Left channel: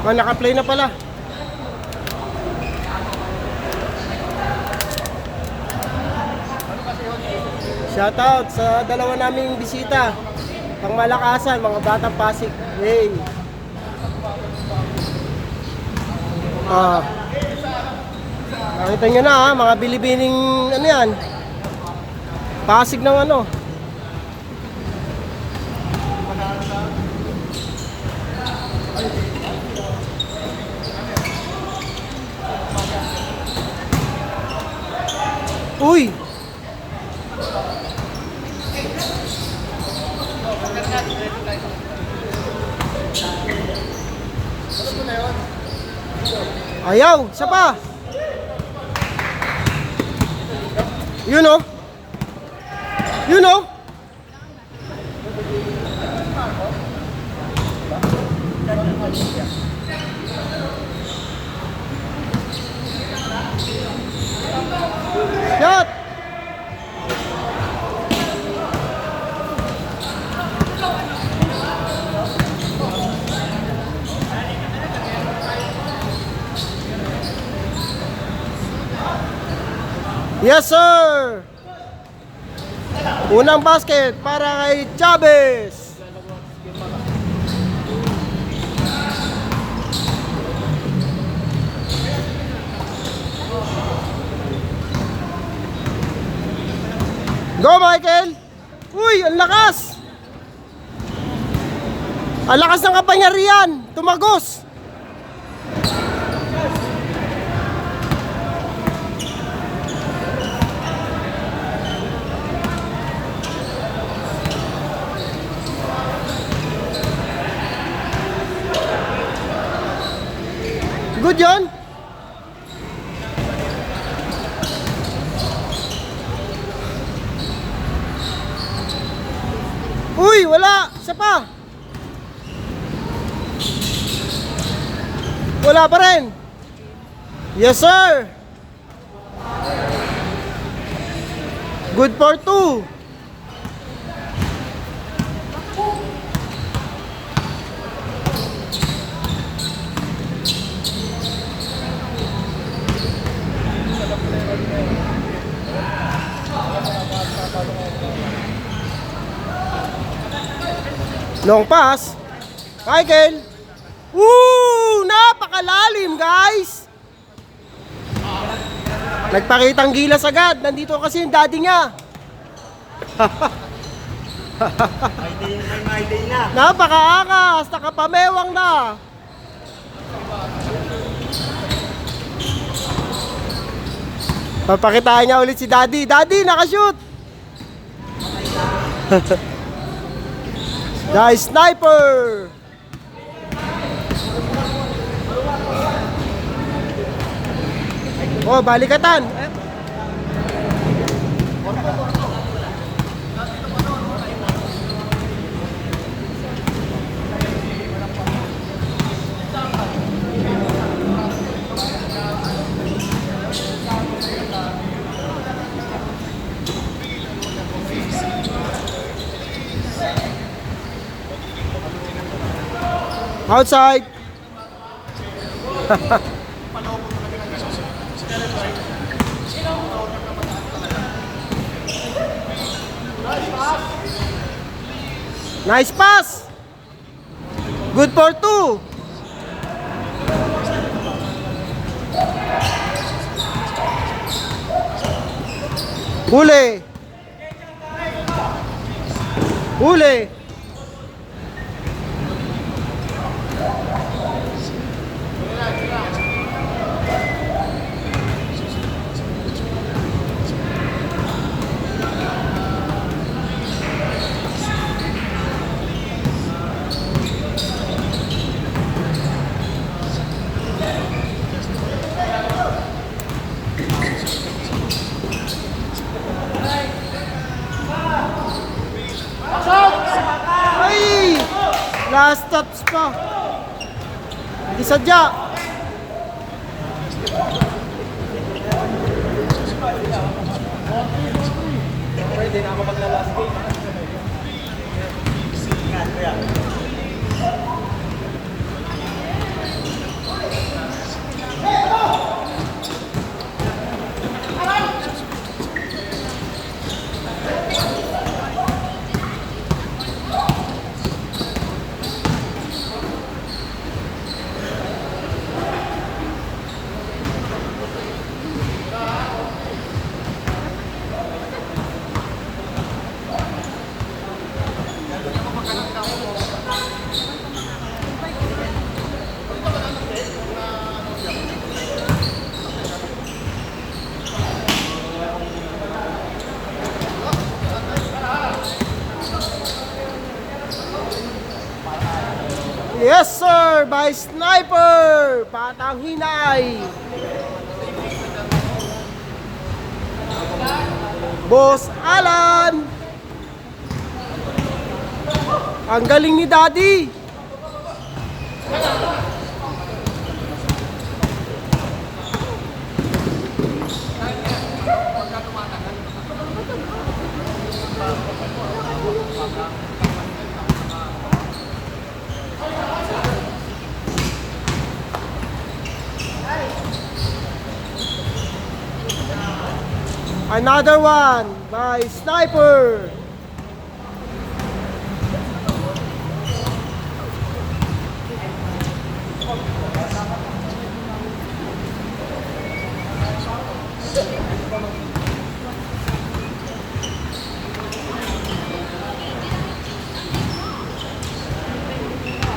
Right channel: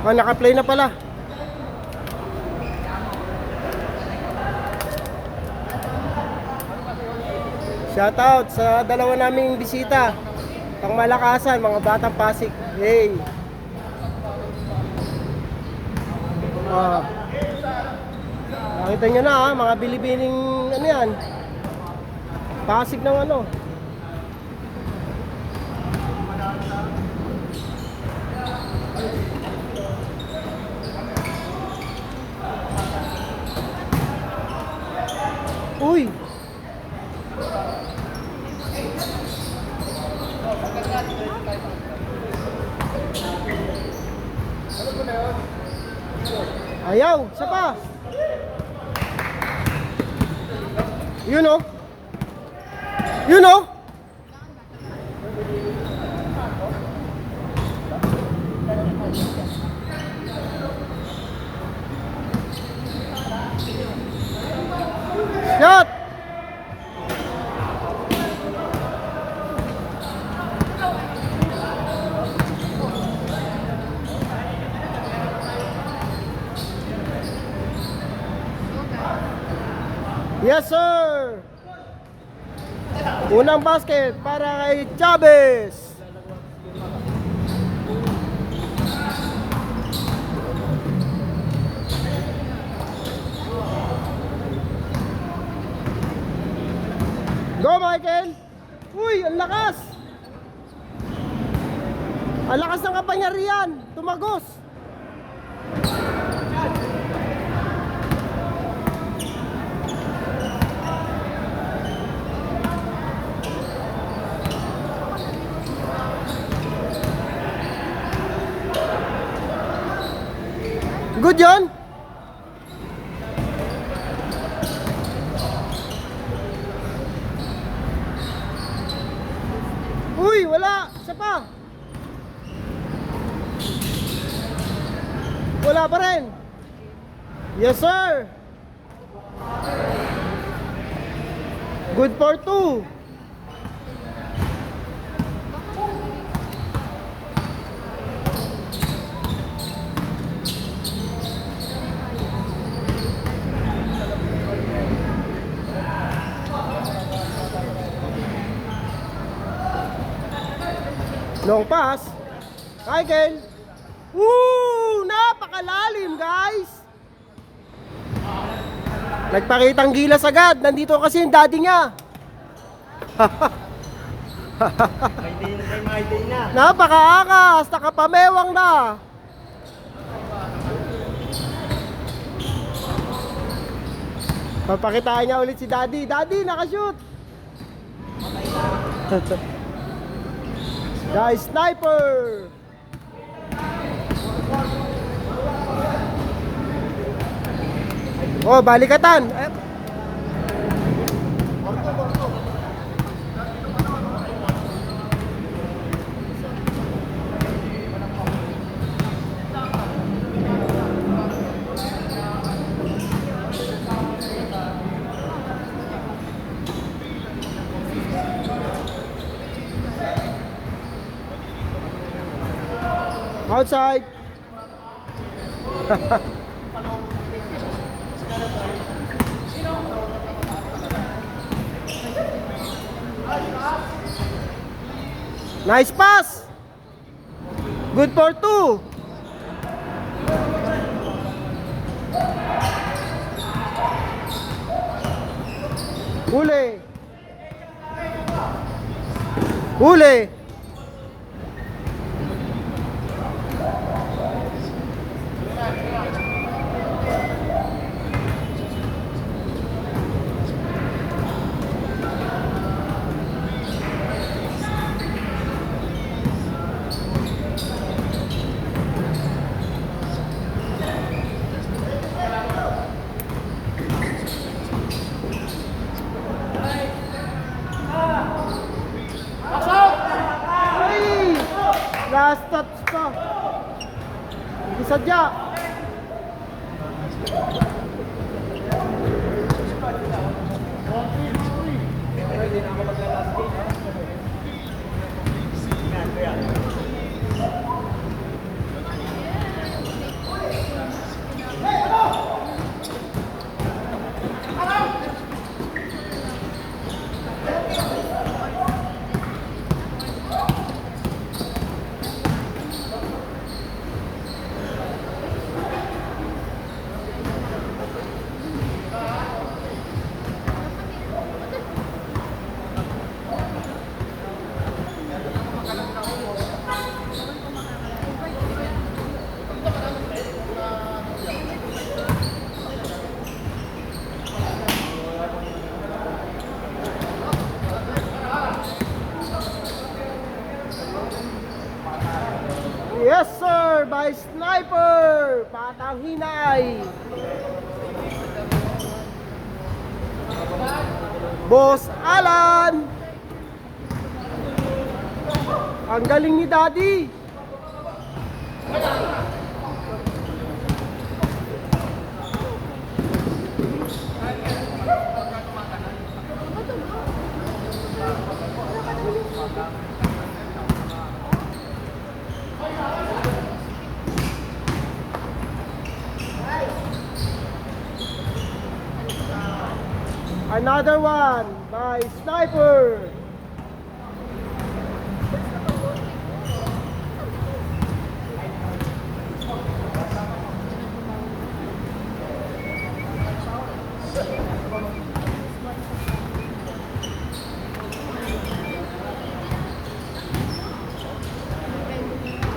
Ah, naka-play na pala. Shoutout sa dalawa naming bisita. Pang Malakasan, mga batang Pasig. Hey. Ah. Nakita nyo na ha, mga bilibining ano yan. Pasig ng ano. Uy! Ayaw! Isa pa! Yun o! Yun o! Shot! Yes sir! Unang basket para kay Chavez. Go Michael! Uy, ang lakas! Ang lakas ng kapangyarihan! Tumagos! Good yun? Uy, wala! Isa pa! Wala pa rin! Yes sir! Good for 2! Long pass. Michael. Woo! Napakalalim, guys. Nagpakitang gilas agad. Nandito kasi yung daddy niya. May day na. Napakaakas. Nakapamewang na. Papakitaan niya ulit si daddy. Daddy, nakashoot. Guys, sniper! Oh, balikatan! Outside. Nice pass. Good for 2. Huli. Huli. Last steps pa. Hindi sadya. Pwede na ako magla-last game. Ingat, kaya. Yes sir, by sniper! Patang hinay! Boss Alan! Ang galing ni Daddy! Another one by sniper.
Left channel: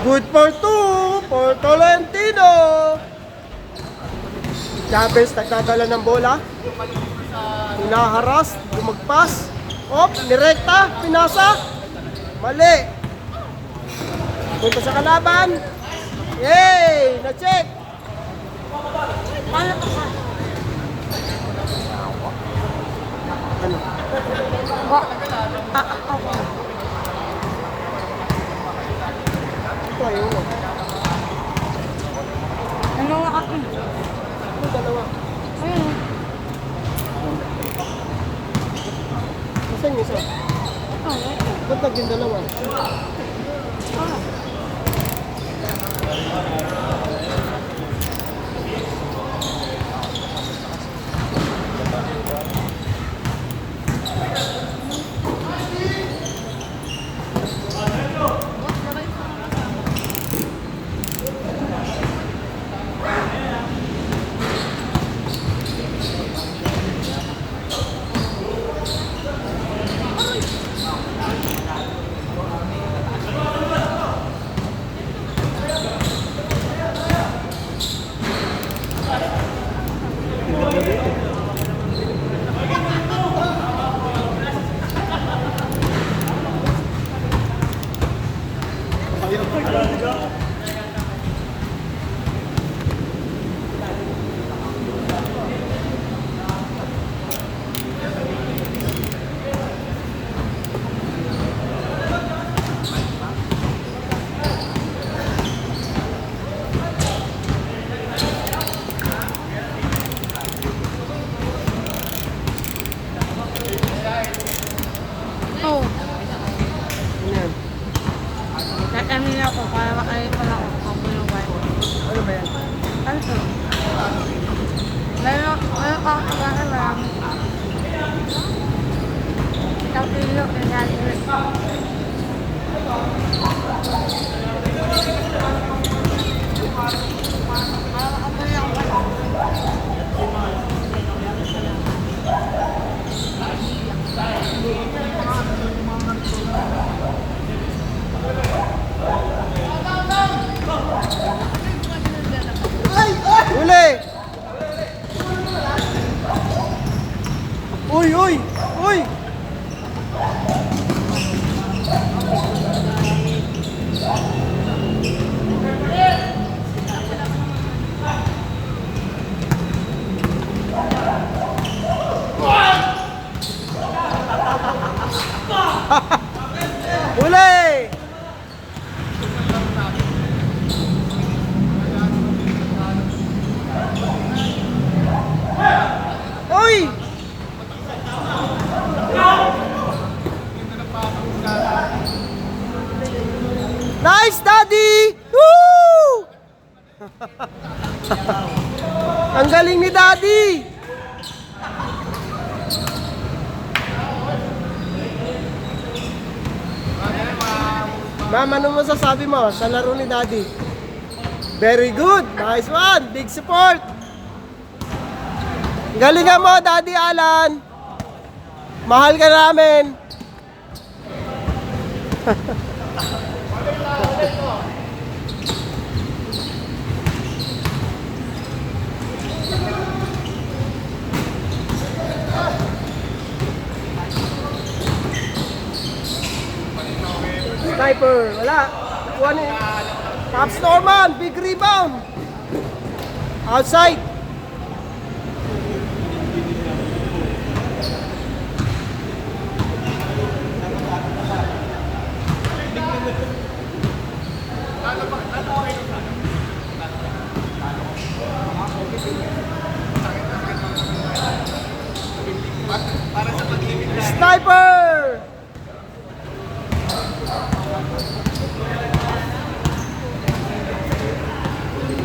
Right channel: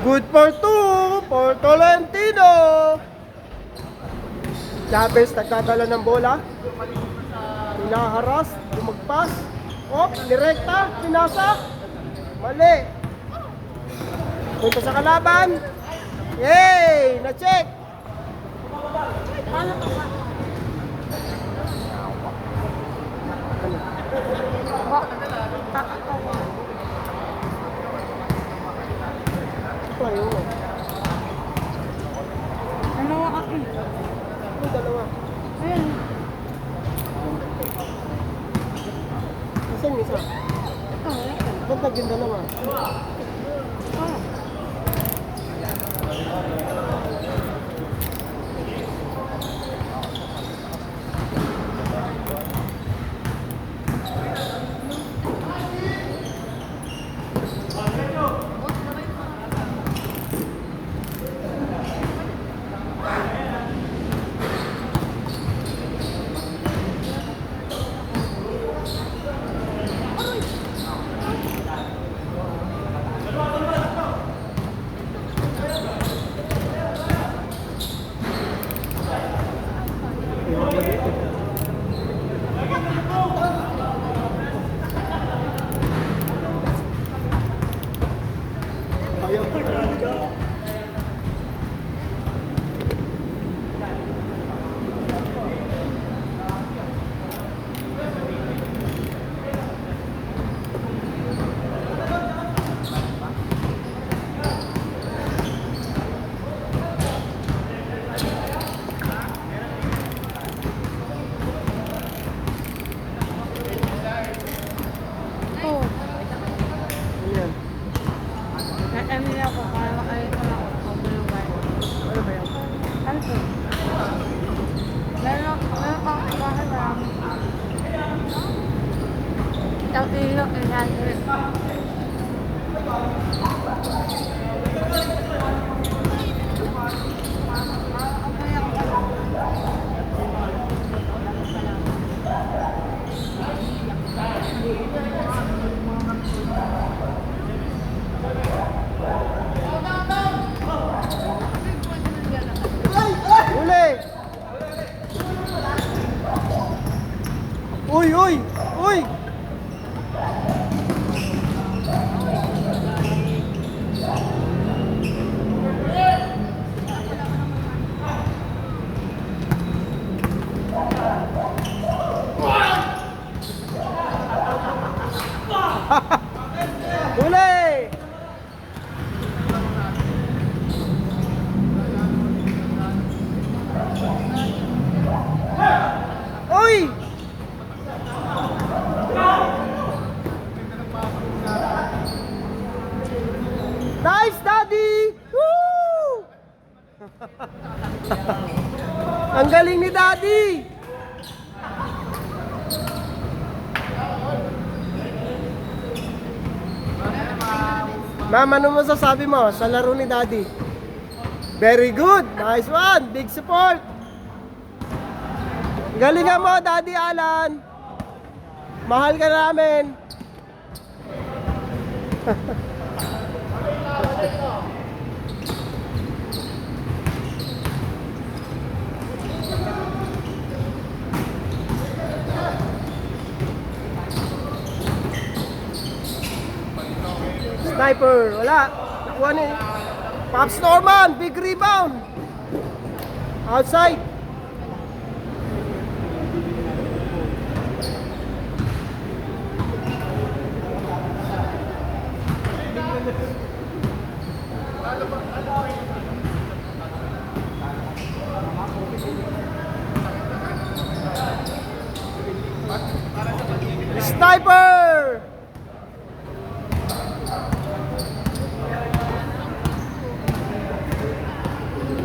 Good for two for Tolentino. Chavez nagdadala ng bola. Hinaharas, lumagpas. Op, direkta, pinasa. Mali. Punta sa kalaban. Yay! Na-check. Ito ayun. Ano ako? Ito dalawa. Ayun. Nasaan yung isa? Ito, ito. Ba't naging dalawa? Ah. Oh, Ayan. natamin ako para makaipon ako kung ano ba. Ano ba yan? Ano to? Meron pa ako kaya marami. Ang ilo, nangyari. Uli! Uy, uy! Uy! Uli! Uy! Nice, Daddy! Woo! Ang galing ni Daddy! Ma'am, ano masasabi mo sa laro ni Daddy? Very good! Nice one! Big support! Galingan mo, Daddy Alan! Mahal ka namin! Sniper, wala. Kuha ni. Caps Norman, big rebound. Outside. Sniper!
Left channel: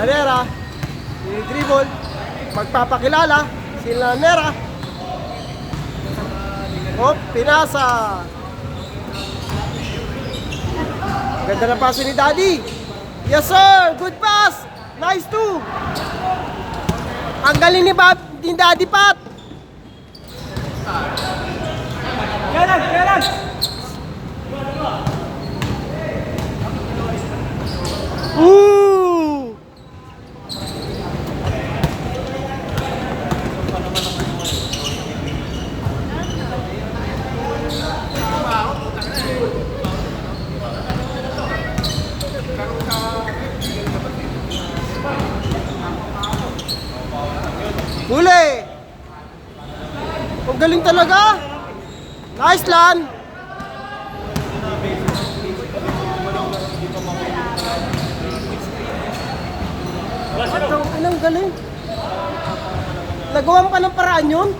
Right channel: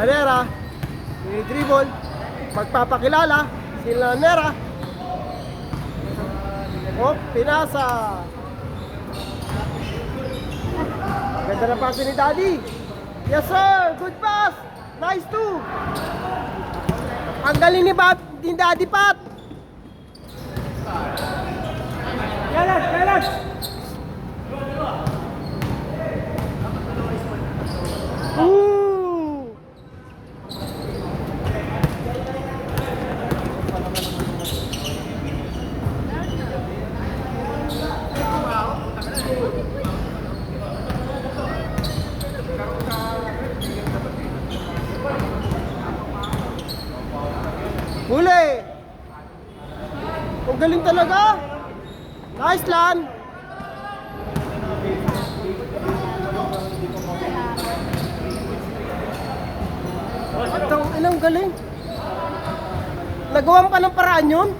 Lanera, yung dribble, magpapakilala, si Lanera. Oh, pinasa. Ganda na pass ni Daddy. Yes sir, good pass. Nice too. Ang galing ni Daddy Pat. Ooh. Huli! Ang galing talaga! Nice lan! Ang galing! Nagawa mo pa ng paraan yun?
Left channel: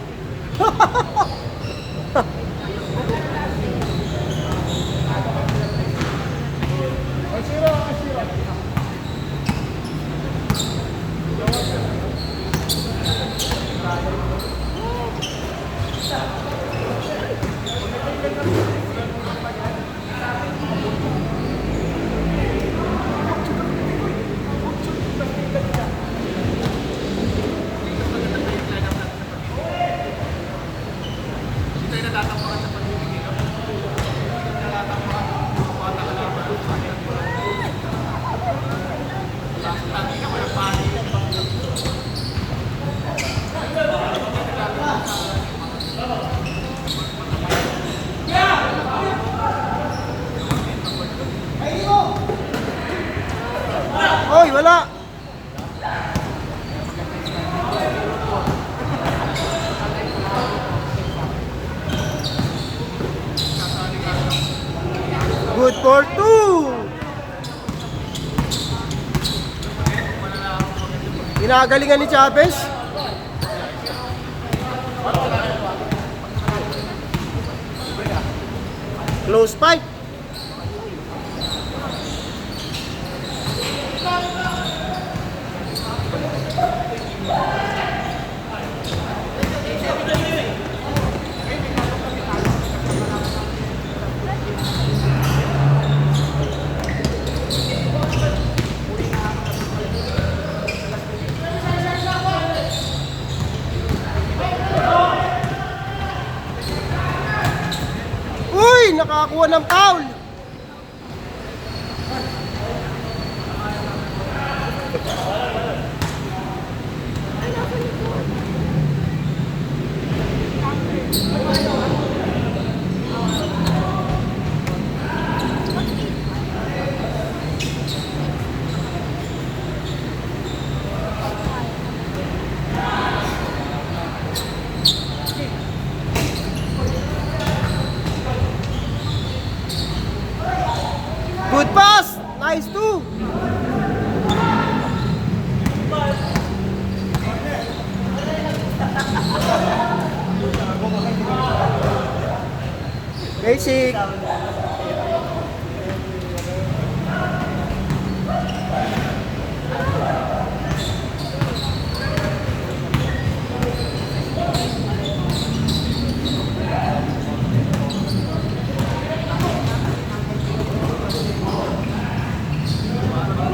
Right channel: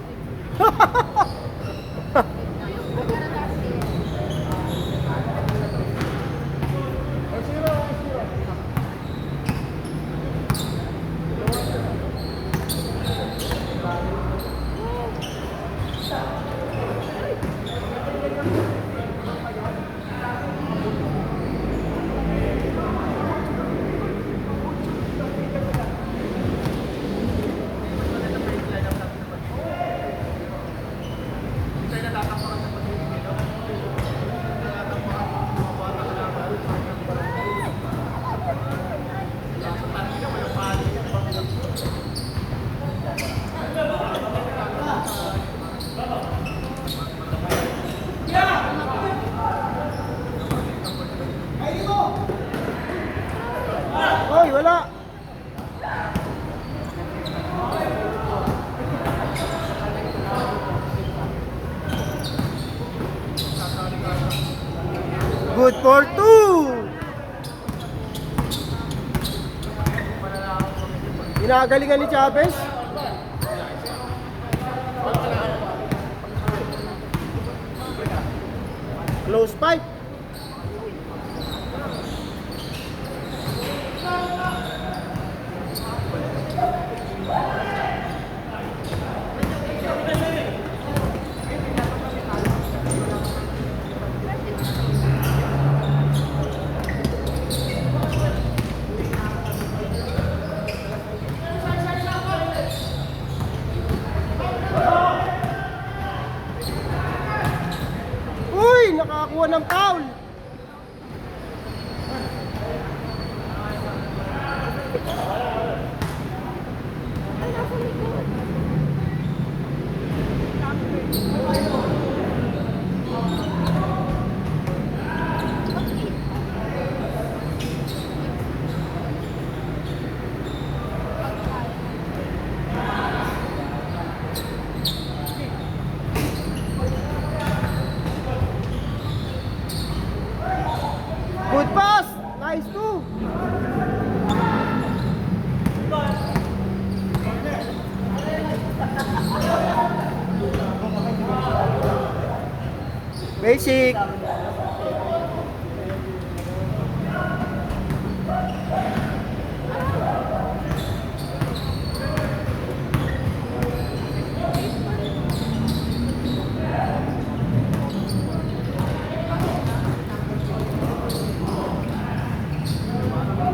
Oy, wala! Good for two! Ginagalingan ni Chavez. Close pipe. Uy, nakakuha ng foul. Good pass! Nice too! Basic!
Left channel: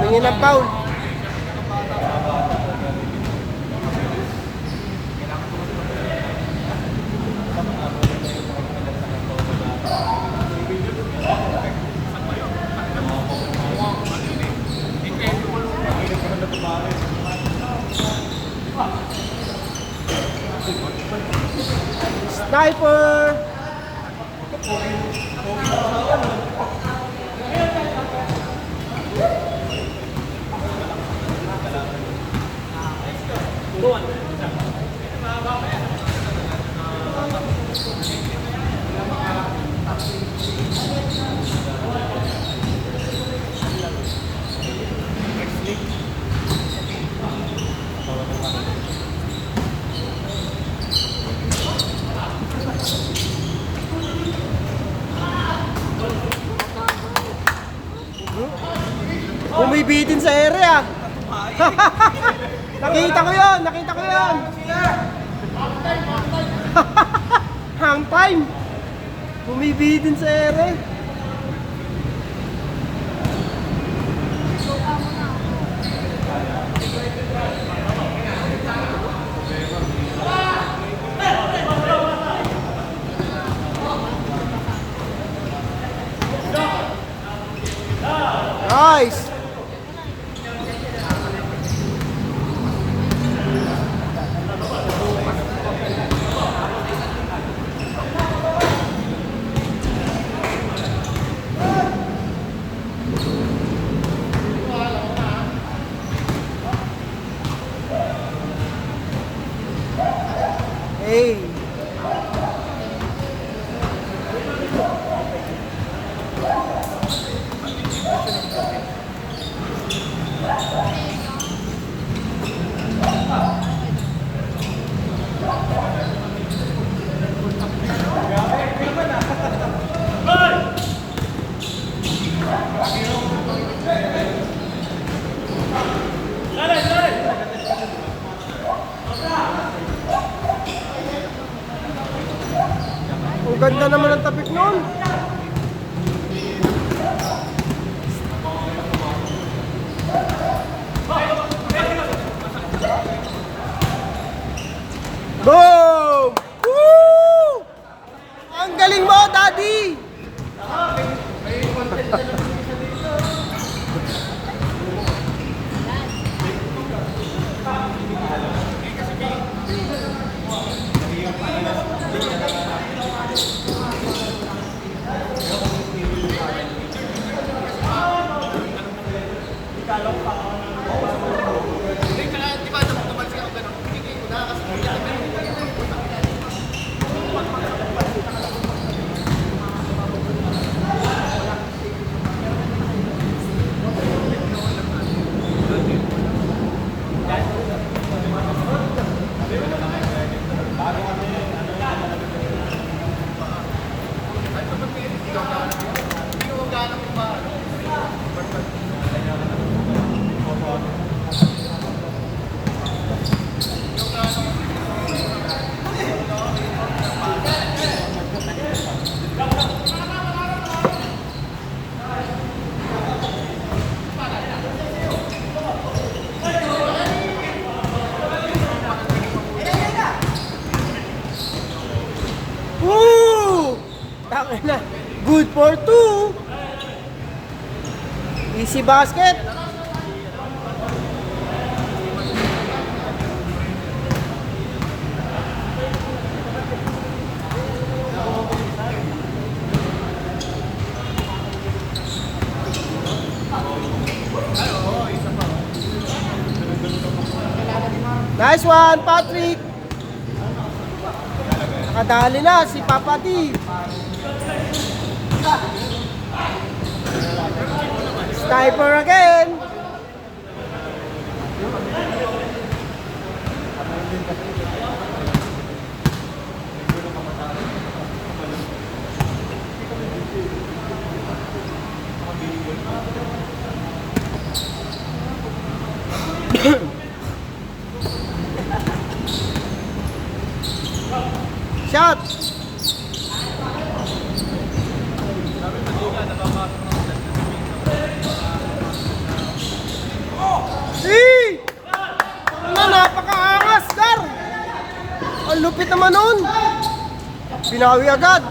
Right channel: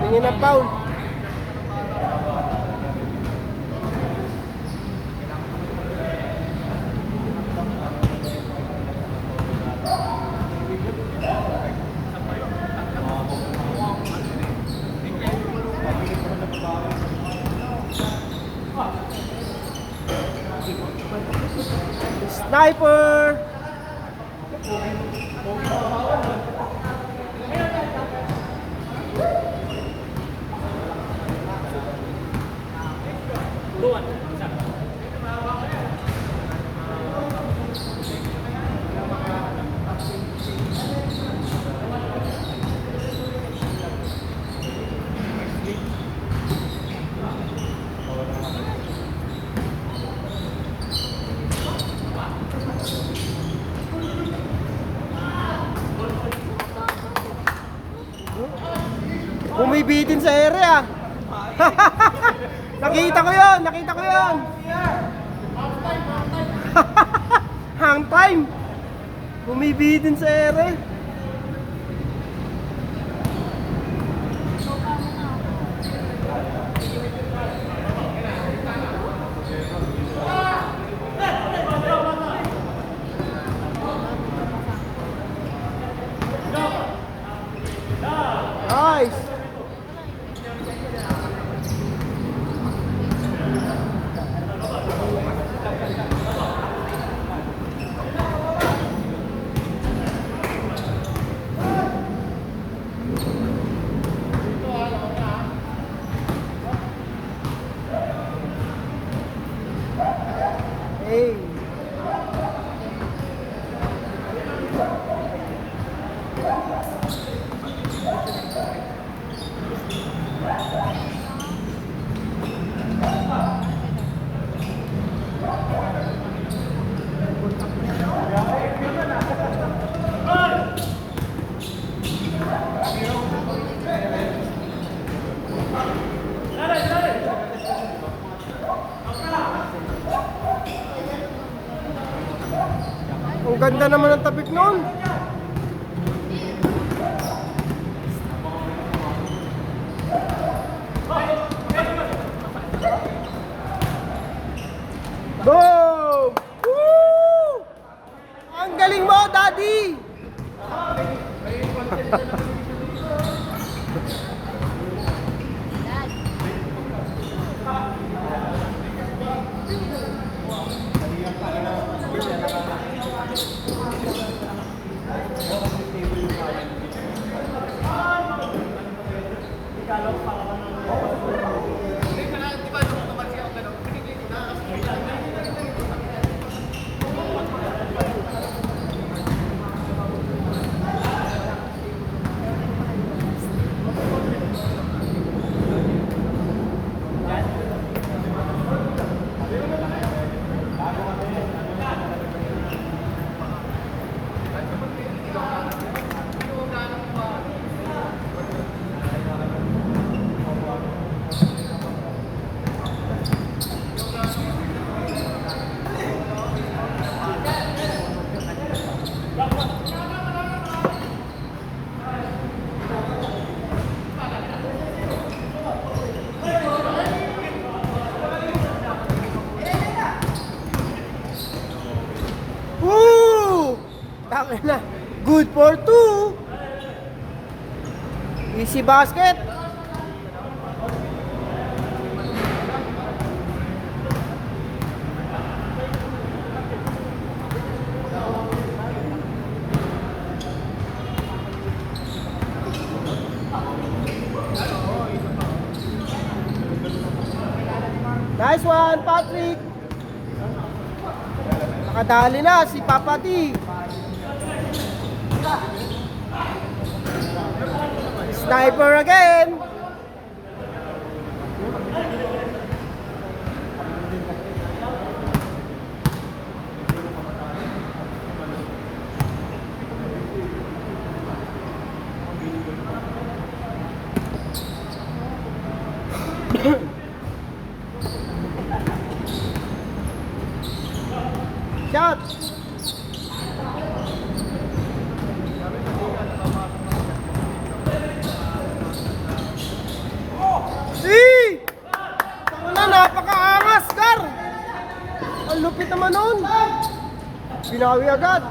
Tingin ang foul. Sniper! Bumibitin sa ere ah. Nakita ko yun, nakita ko yun. Hang time. Bumibitin sa ere. Nice. Hey. Ang ganda naman ng tapik noon. Boom! Woo! Ang galing mo, Daddy! Woo! Tama na. Good for two. Easy basket. Nice one, Patrick. Nakadali na si Papa T. Sniper again. Shot. Napakaangas, Gar! Ang lupit naman nun! Binawi agad!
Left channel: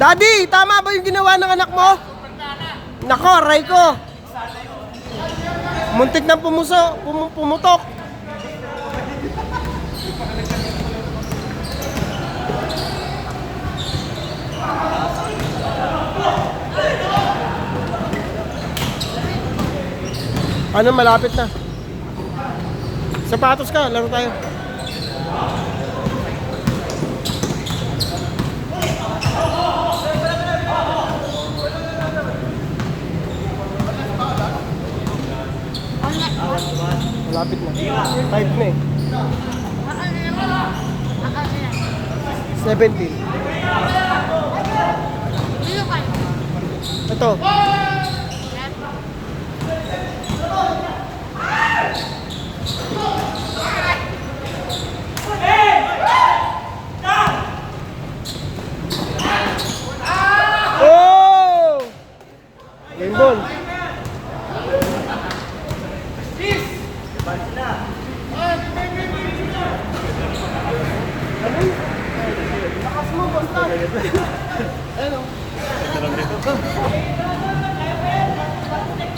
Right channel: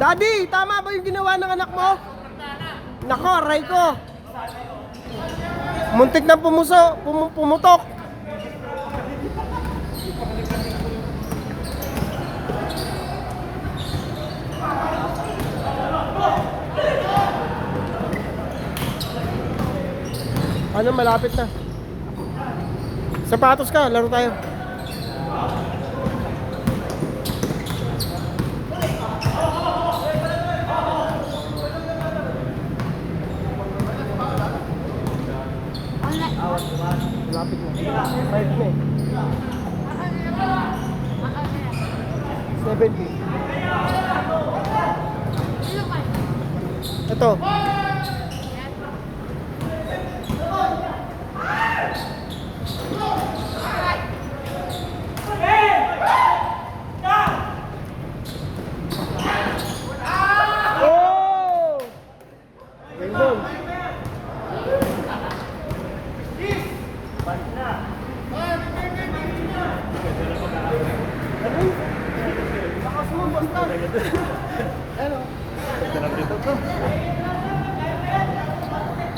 Daddy, tama ba yung ginawa ng anak mo? Nako, aray ko. Muntik ng pumutok. Ano, malapit na. Sapatos ka, laro tayo. Malapit na. 5 na eh. 17. Ito.